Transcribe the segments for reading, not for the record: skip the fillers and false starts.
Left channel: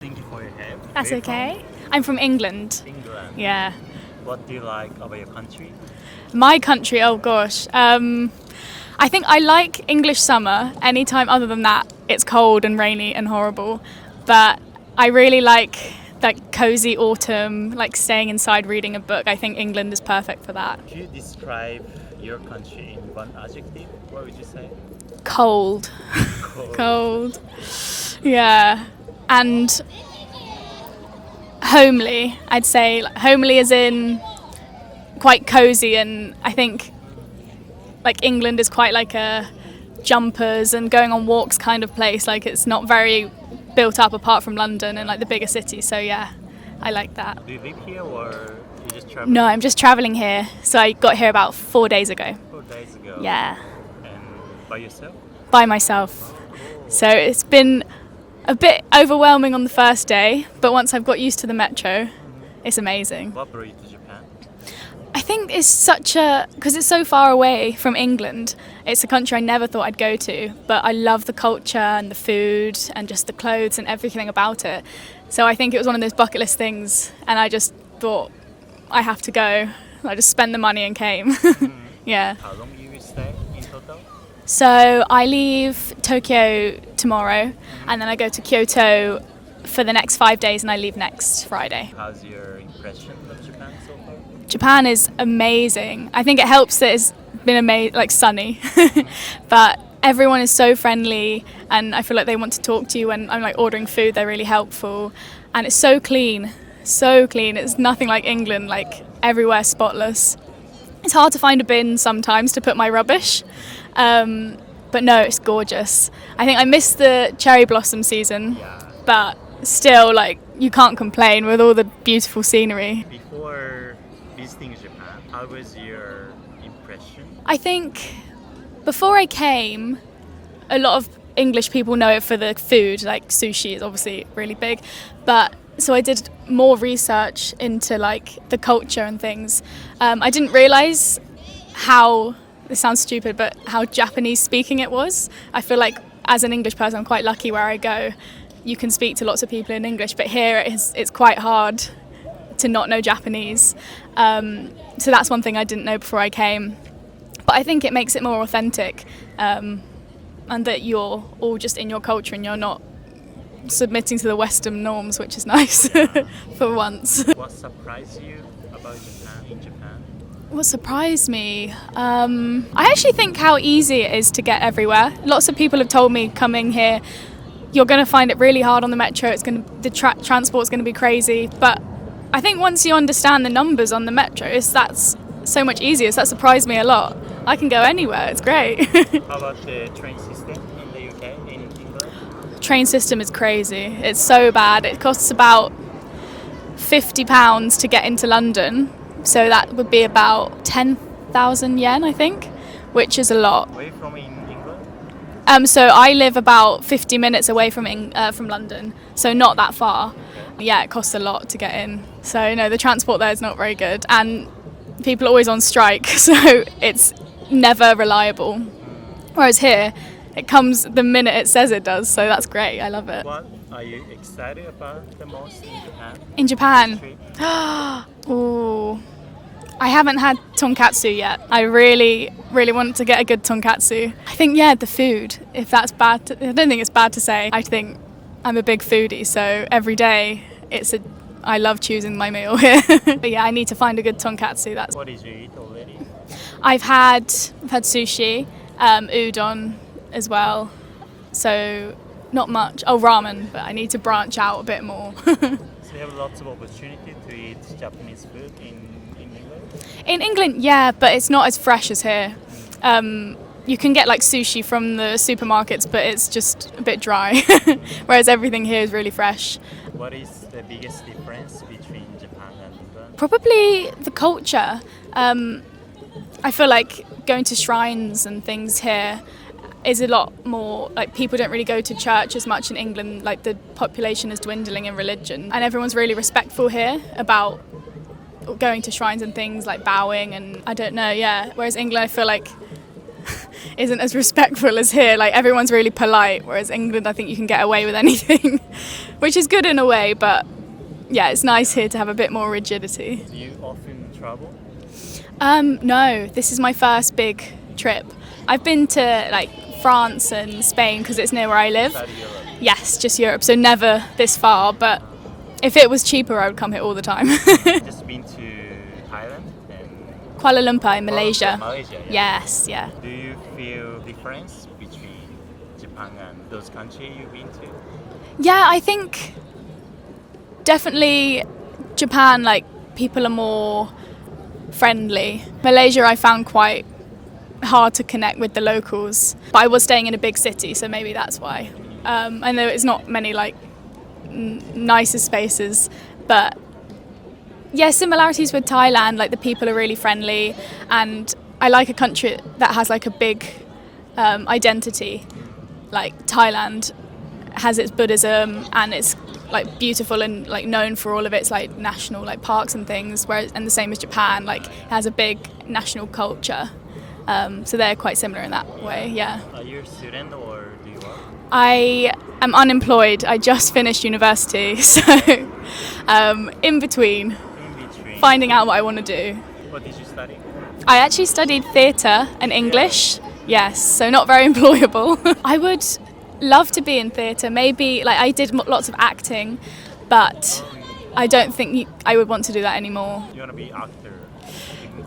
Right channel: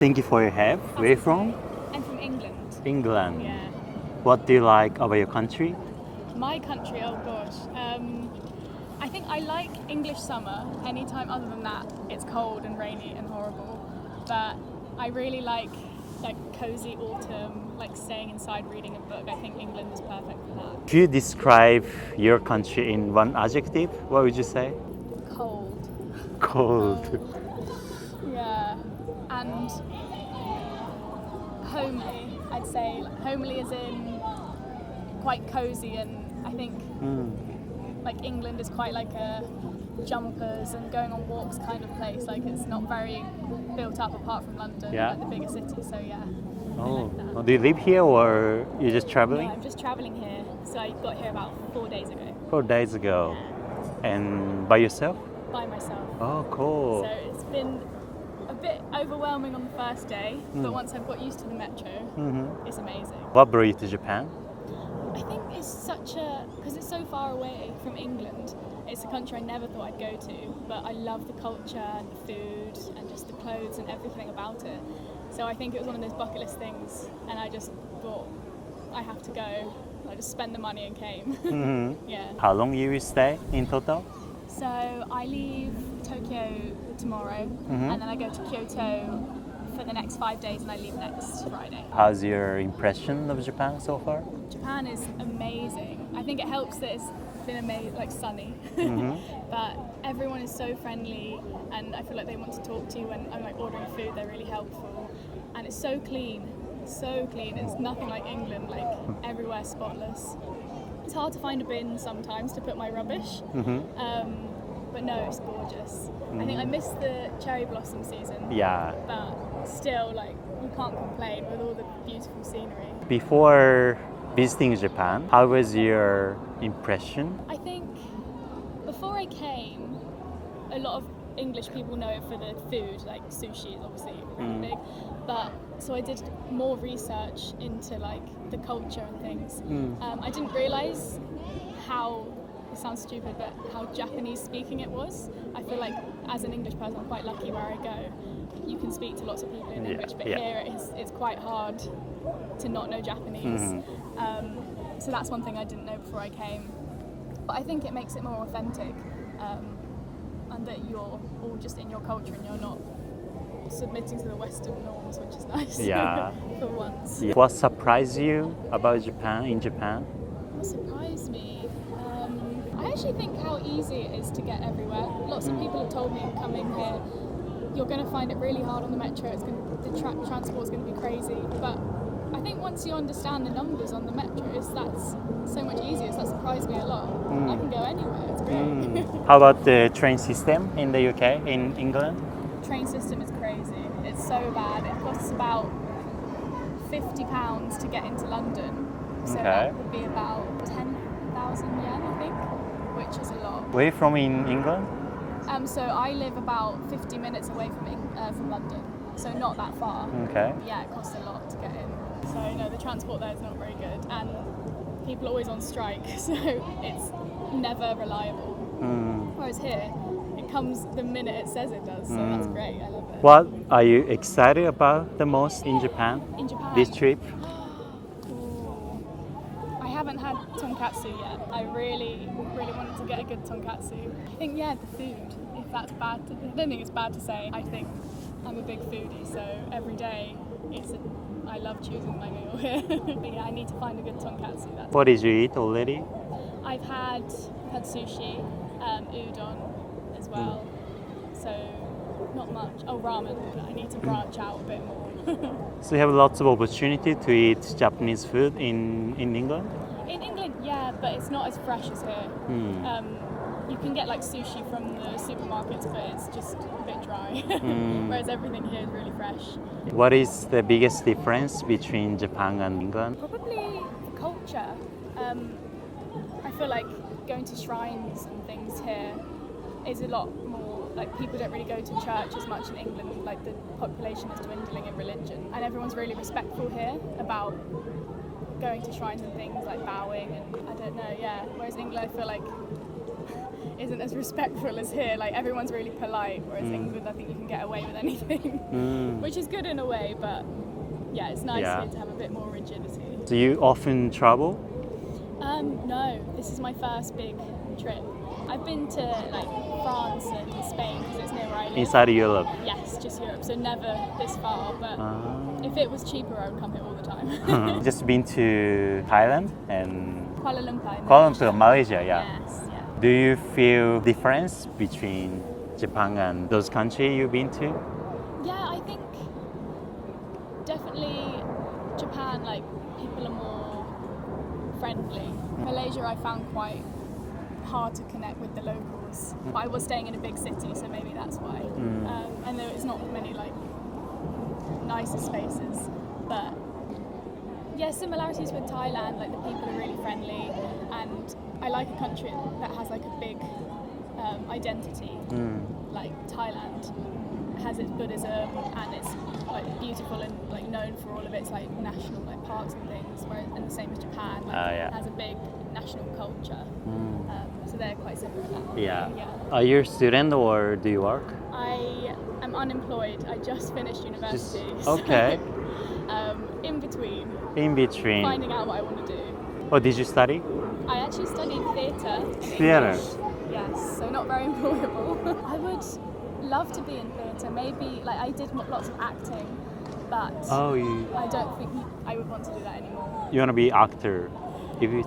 Thank you for your help. That's Where okay. I'm from England. From? England. Yeah. What do you like about your country? My country, oh gosh. I think I like English summer. Anytime other than that, it's cold and rainy and horrible. But I really like cozy autumn, like staying inside reading a book. I think England is perfect for that. If you describe your country in one adjective, what would you say? Cold. Cold. Cold. Yeah. And homely, I'd say. Homely as in quite cozy, and I think like England is quite like a jumpers and going on walks kind of place. Like it's not very built up apart from London and like the bigger cities. So yeah, I like that. Do you live here or you just travel? No, I'm just traveling here. So I got here about 4 days ago. 4 days ago. Yeah. And by yourself? By myself. Oh, cool. So it's been a bit overwhelming on the first day, but once I've got used to the metro, it's amazing. What brought you to Japan? I think it's because it's so far away from England, it's a country I never thought I'd go to, but I love the culture and the food and just the clothes and everything about it. So I think it was one of those bucket list things, and I just thought, I have to go. I just spent the money and came. Yeah. How long you will stay in total? So I leave Tokyo tomorrow, and then I go to Kyoto for the next 5 days, and I leave next Friday. How's your impression of Japan so far? Japan is amazing. I think it helps that it's been like sunny, but everyone is so friendly, and I feel like they want to talk to you when I'm like ordering food. They're really helpful, and it's so clean, so clean. It's nothing like England, like everywhere spotless. It's hard to find a bin sometimes to put my rubbish, but no, it's gorgeous. I think I missed the cherry blossom season, but still, like, you can't complain with all the beautiful scenery. Before visiting Japan, how was your impression? I think before I came, a lot of English people know it for the food, like sushi is obviously really big, but so I did more research into like the culture and things. I didn't realise how, this sounds stupid, but how Japanese speaking it was. I feel like as an English person, I'm quite lucky where I go. You can speak to lots of people in English, but here it's quite hard to not know Japanese. So that's one thing I didn't know before I came. But I think it makes it more authentic, and that you're all just in your culture and you're not submitting to the Western norms, which is nice for once. What surprised you about Japan in Japan? What surprised me? I actually think how easy it is to get everywhere. Lots of people have told me coming here, you're going to find it really hard on the metro. The transport's going to be crazy. But I think once you understand the numbers on the metro, that's so much easier. So that surprised me a lot. I can go anywhere. It's great. How about the train system in the UK, in England? Train system is crazy. It's so bad. It costs about £50 to get into London. So that would be about 10,000 yen, I think, which is a lot. Where are you from in England? So I live about 50 minutes away from London, so not that far. Okay. Yeah, it costs a lot to get in. So no, the transport there is not very good, and people are always on strike, so it's never reliable. Whereas here, it comes the minute it says it does, so that's great. I love it. What are you excited about the most in Japan? In Japan? This trip? Ooh, I haven't had tonkatsu yet. I really, really want to get a good tonkatsu. I think, the food, if that's bad, I don't think it's bad to say. I think I'm a big foodie, so every day I love choosing my meal here. But yeah, I need to find a good tonkatsu. What did you eat already? I've had sushi, udon as well, so not much. Oh, ramen, but I need to branch out a bit more. So you have lots of opportunity to eat Japanese food in England? In England, yeah, but it's not as fresh as here. You can get like sushi from the supermarkets, but it's just a bit dry, whereas everything here is really fresh. What is the biggest difference between Japan and England? Probably the culture. I feel like going to shrines and things here is a lot more, like, people don't really go to church as much in England. Like, the population is dwindling in religion, and everyone's really respectful here about going to shrines and things, like bowing, and I don't know, whereas England, I feel like isn't as respectful as here. Like, everyone's really polite, whereas England, I think you can get away with anything. which is good in a way, but yeah, it's nice Yeah. here to have a bit more rigidity. Do you often travel? No, this is my first big trip. I've been to like France and Spain because it's near where I live. Inside Europe. Yes, just Europe, so never this far, but if it was cheaper, I would come here all the time. Just been to Thailand and Kuala Lumpur in Malaysia. Oh, to Malaysia, yeah. Yes, yeah. Do you feel difference between Japan and those countries you've been to? Yeah, I think definitely Japan, like, people are more friendly. Malaysia I found quite hard to connect with the locals, but I was staying in a big city, so maybe that's why. I know it's not many like nicer spaces, but yeah, similarities with Thailand, like the people are really friendly, and I like a country that has like a big identity. Like Thailand has its Buddhism and it's like beautiful and like known for all of its like national like parks and things, whereas and the same as Japan, like has a big national culture. So they're quite similar in that way. Yeah. Are you a student or do you work? I am unemployed. I just finished university, so in between In between. finding out what I want to do. What did you study? I actually studied theatre and English. Yes, so not very employable. I would love to be in theatre. Maybe like I did lots of acting, but I don't think I would want to do that anymore. You want to be actor?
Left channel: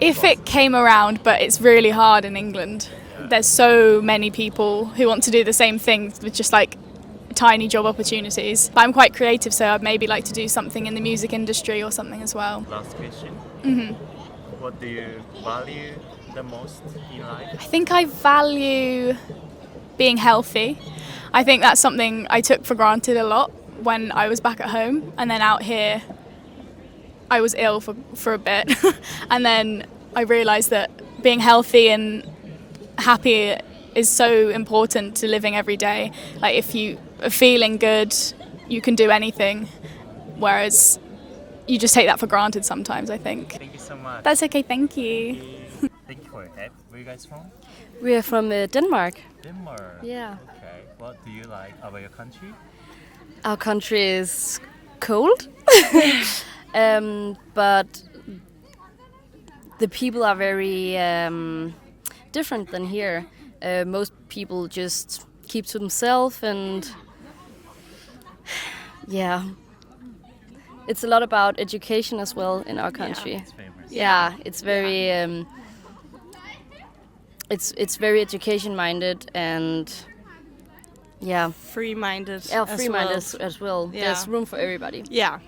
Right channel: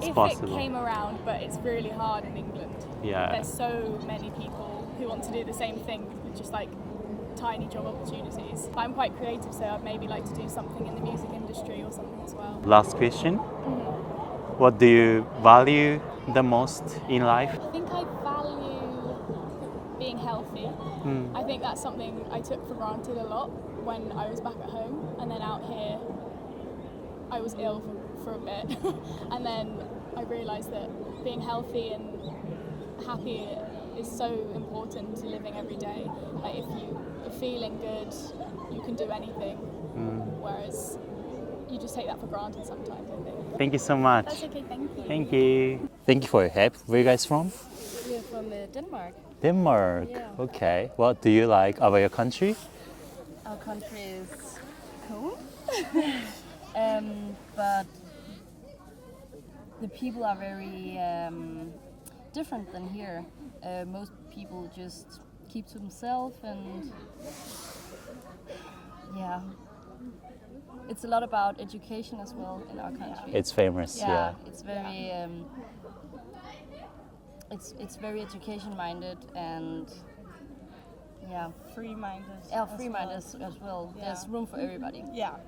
If it came around, but it's really hard in England. Yeah. There's so many people who want to do the same thing with just like tiny job opportunities. But I'm quite creative, so I'd maybe like to do something in the music industry or something as well. Last question. What do you value the most in life? I think I value being healthy. I think that's something I took for granted a lot when I was back at home, and then out here I was ill for a bit and then I realised that being healthy and happy is so important to living every day. Like if you are feeling good, you can do anything, whereas you just take that for granted sometimes, I think. Thank you so much. That's okay, thank you. Thank you. Thank you for your help. Where are you guys from? We are from Denmark. Denmark. Yeah. Okay. What do you like about your country? Our country is cold, but the people are very different than here. Most people just keep to themselves, and yeah, it's a lot about education as well in our country. It's famous. Yeah, it's very it's very education minded and yeah, free-minded. free-minded as well. Yeah. There's room for everybody Yeah,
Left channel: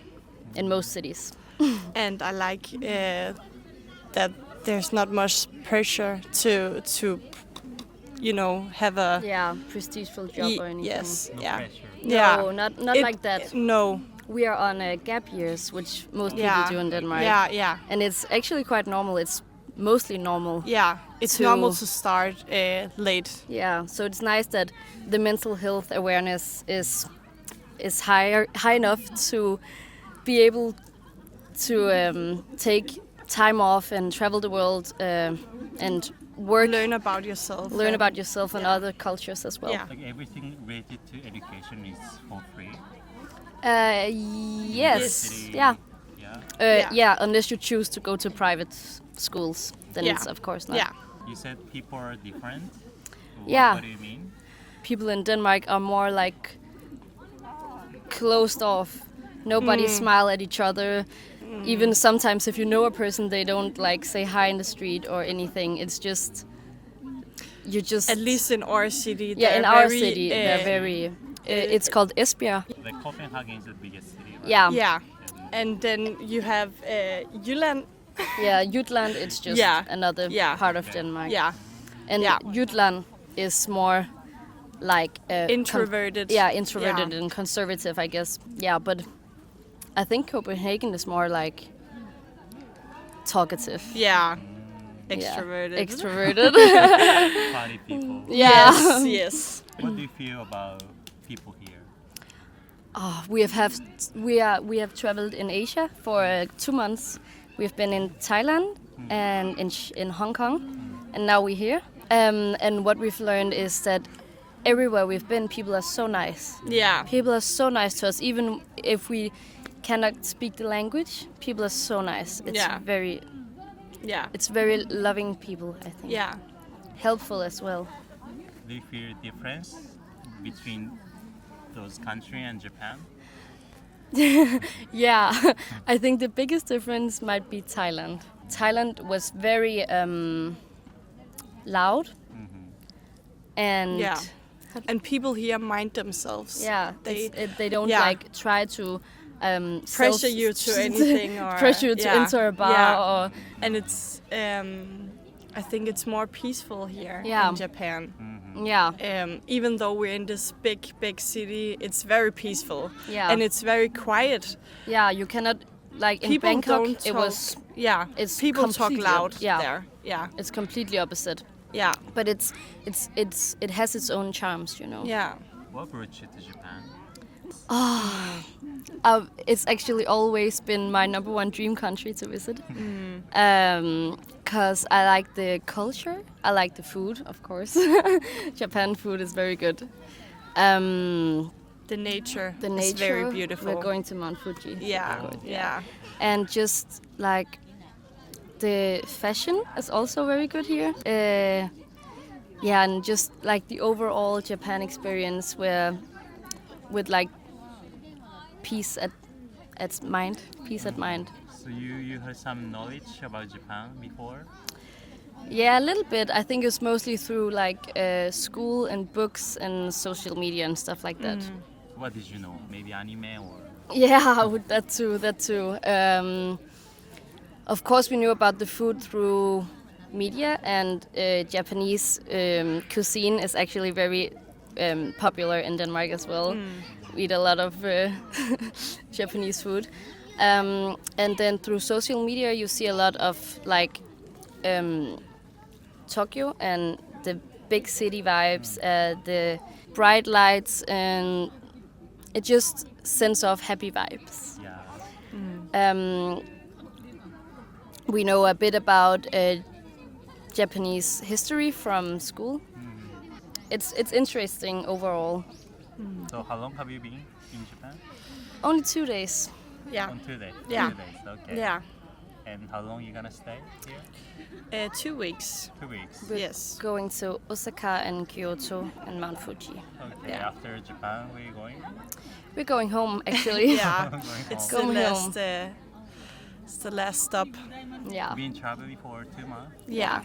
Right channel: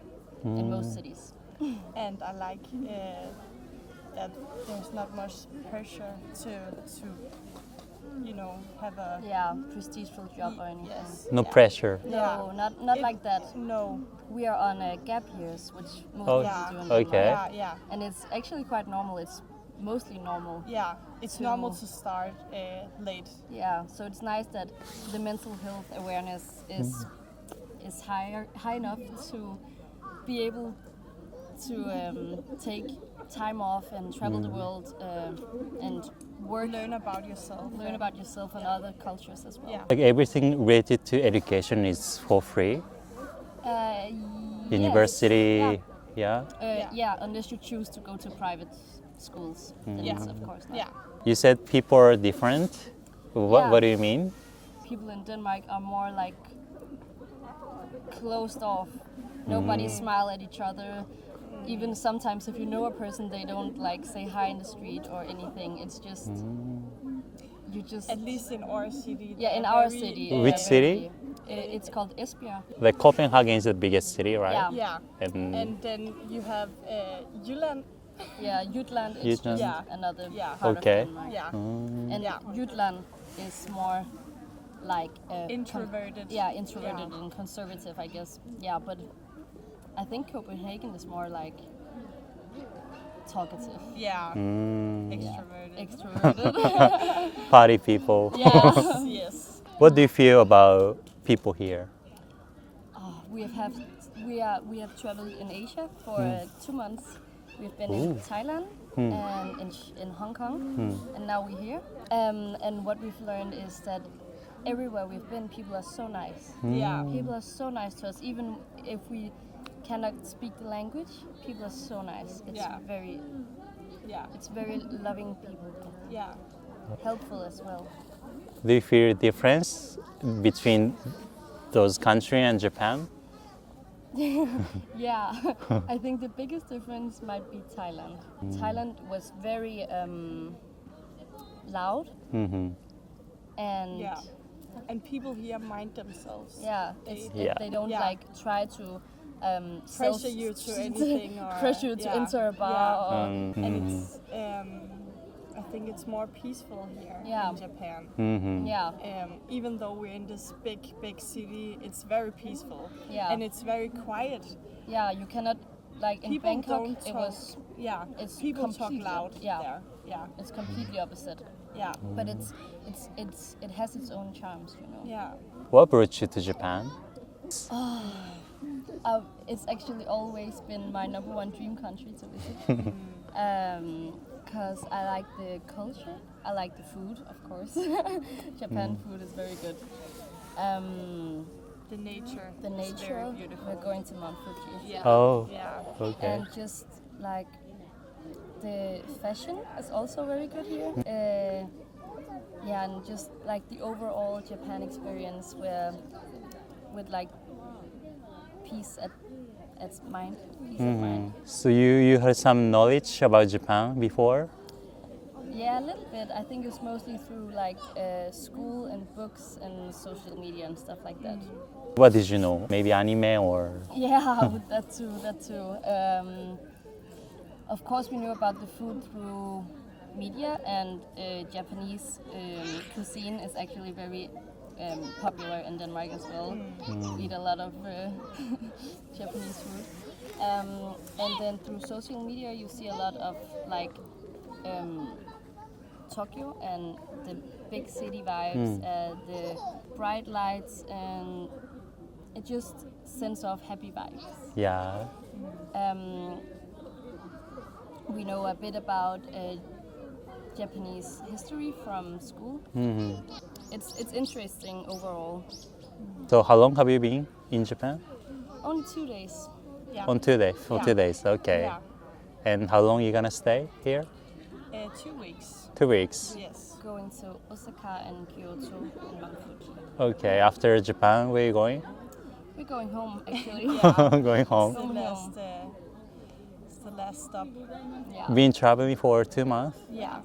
in most cities. and I like that there's not much pressure to have a Yeah, prestigeful job or anything. yes. No yeah. pressure. Yeah. No, not It- like that. No. We are on gap years, which most Oh. people Yeah. do in Okay. Denmark. Yeah. And it's actually quite normal. It's mostly normal. Yeah. It's To- normal to start late. Yeah, so it's nice that the mental health awareness is high enough to be able to take time off and travel the world and work, Learn about yourself. learn about yourself and other cultures as well. Yeah. Like everything related to education is for free. Yes. University. Yeah. Yeah. Yeah, unless you choose to go to private schools, then Yeah. it's of course not. Yeah. You said people are different. Yeah. What do you mean? People in Denmark are more like closed off. Nobody smile at each other. Even sometimes if you know a person, they don't like say hi in the street or anything. It's just you just At least in our city. yeah, in they're our very, city. Which they're city? It's called Esbjerg. Like Copenhagen is the biggest city, right? Yeah. Yeah. And And then you have Jylland. Yeah, Jutland is Jutland. just Yeah. another Yeah. part Okay. of Denmark. Yeah. And Yeah. Jutland is more like Introverted. introverted and conservative, I guess. Yeah, but I think Copenhagen is more like talkative. Yeah. Yeah. Extroverted. Extroverted. party people. Yeah. Yes. What do you feel about people here? We have traveled in Asia for 2 months. We've been in Thailand and in Hong Kong, and now we're here. And what we've learned is that everywhere we've been, people are so nice. Yeah. People are so nice to us, even if we cannot speak the language. People are so nice. It's Yeah. it's very loving people, I think. Yeah. Helpful as well. Do you feel a difference between those countries and Japan? Yeah, I think the biggest difference might be Thailand. Thailand was very loud and Yeah. And people here mind themselves. yeah, they don't Yeah. like try to Pressure you to anything or pressure you to yeah. enter a bar Yeah. or And it's I think it's more peaceful here Yeah. in Japan. yeah, Even though we're in this big city, it's very peaceful. Yeah. And it's very quiet. yeah. You cannot like in People Bangkok. don't talk. It was Yeah. it's People talk completely- loud yeah. there. Yeah. it's completely opposite. Yeah. But it has its own charms, you know. Yeah. What brought you to Japan? It's actually always been my number one dream country to visit. Because I like the culture, I like the food, of course. Japan food is very good. The nature. The is nature, very beautiful. we're going to Mount Fuji. Yeah. Oh. Yeah. Okay. And just like the fashion is also very good here. Yeah, and just like the overall Japan experience with like peace at mind. So you had some knowledge about Japan before? Yeah, a little bit. I think it's mostly through like school and books and social media and stuff like that. What did you know? Maybe anime or? Yeah, with that too. Of course, we knew about the food through media, and Japanese cuisine is actually very popular in Denmark as well. We eat a lot of Japanese food. And then through social media, you see a lot of like Tokyo and the big city vibes, the bright lights, and it just sends off happy vibes. Yeah. We know a bit about Japanese history from school. It's interesting overall. So how long have you been in Japan? Only 2 days. Yeah. On 2 days. Yeah. 2 days. Okay. Yeah. And how long you gonna stay here? 2 weeks. 2 weeks. Yes. Going to Osaka and Kyoto and Mount Fuji. Okay. After Japan, where you going? We're going home actually. Yeah. Going home. It's the Going last, home. it's the last stop. Yeah. Been traveling for 2 months. Yeah.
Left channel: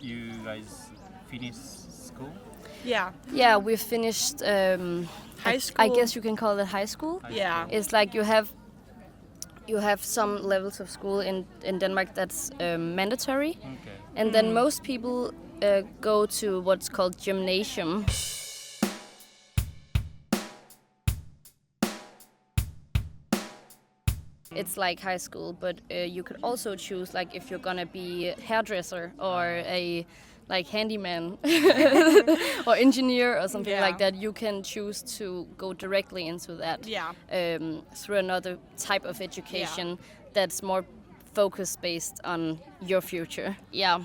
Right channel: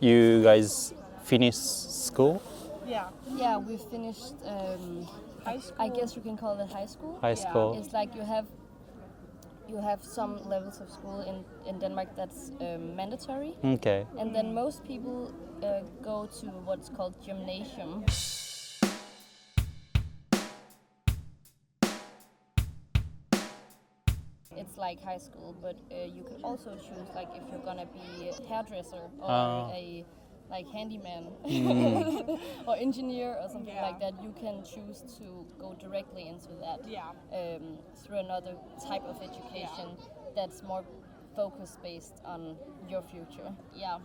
You guys finished school? Yeah. Yeah, we finished High I school. guess you can call it high school. High Yeah. school? It's like you have some levels of school in Denmark that's mandatory. Okay. And then most people go to what's called gymnasium. It's like high school, but you could also choose like if you're gonna be a hairdresser or a like handyman or engineer or something Yeah. like that. You can choose to go directly into that Yeah. through another type of education that's more focus based on your future. Yeah.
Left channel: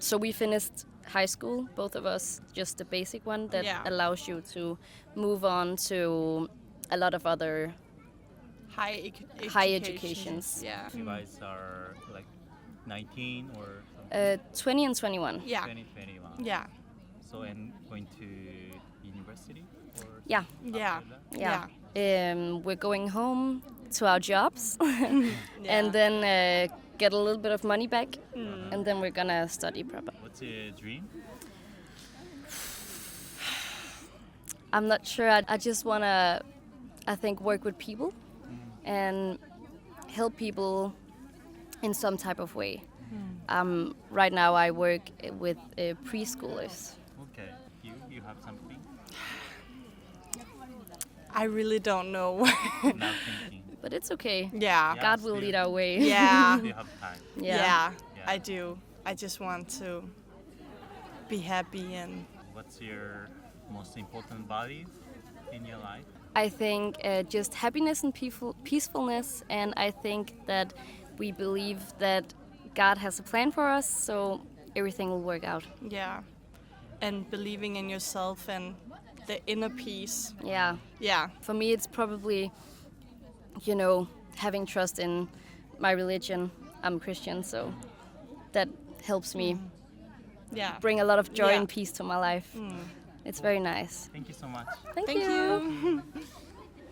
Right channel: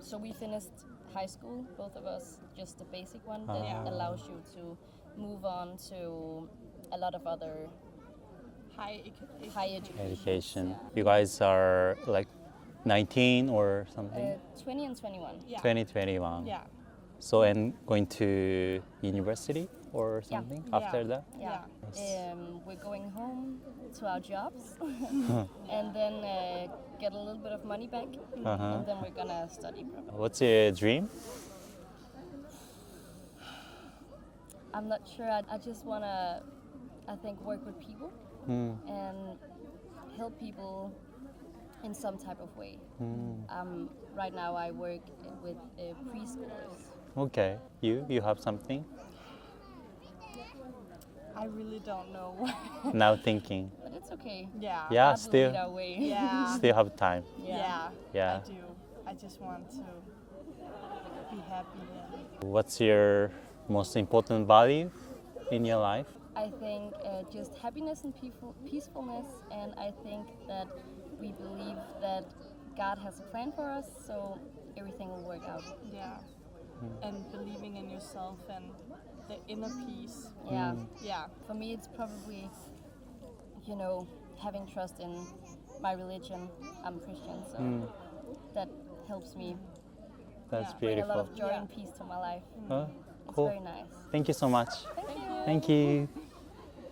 So we finished high school, both of us, just the basic one that Yeah. allows you to move on to a lot of other High education. Education. Yeah. If you guys are like 19 or something? 20 and 21. Yeah. 2021. Yeah. So, and going to university or Yeah. something after that? Yeah. We're going home to our jobs and then get a little bit of money back, and then we're gonna study proper. What's your dream? I'm not sure. I just wanna, I think, work with people and help people in some type of way. Right now I work with preschoolers. Okay. You have something? I really don't know. Now thinking. But it's okay. Yeah. Yeah. God will lead our way. Yeah. Still have time. Yeah. Yeah. I do. I just want to be happy and What's your most important value in your life? I think just happiness and peacefulness, and I think that we believe that God has a plan for us, so everything will work out. yeah. and believing in yourself and the inner peace. Yeah. Yeah. For me, it's probably, having trust in my religion. I'm Christian, so that helps me That's Yeah. bring a lot of joy Yeah. and peace to my life. Oh, It's cool. very nice. Thank you so much. Thank Thank you. you. Thank you.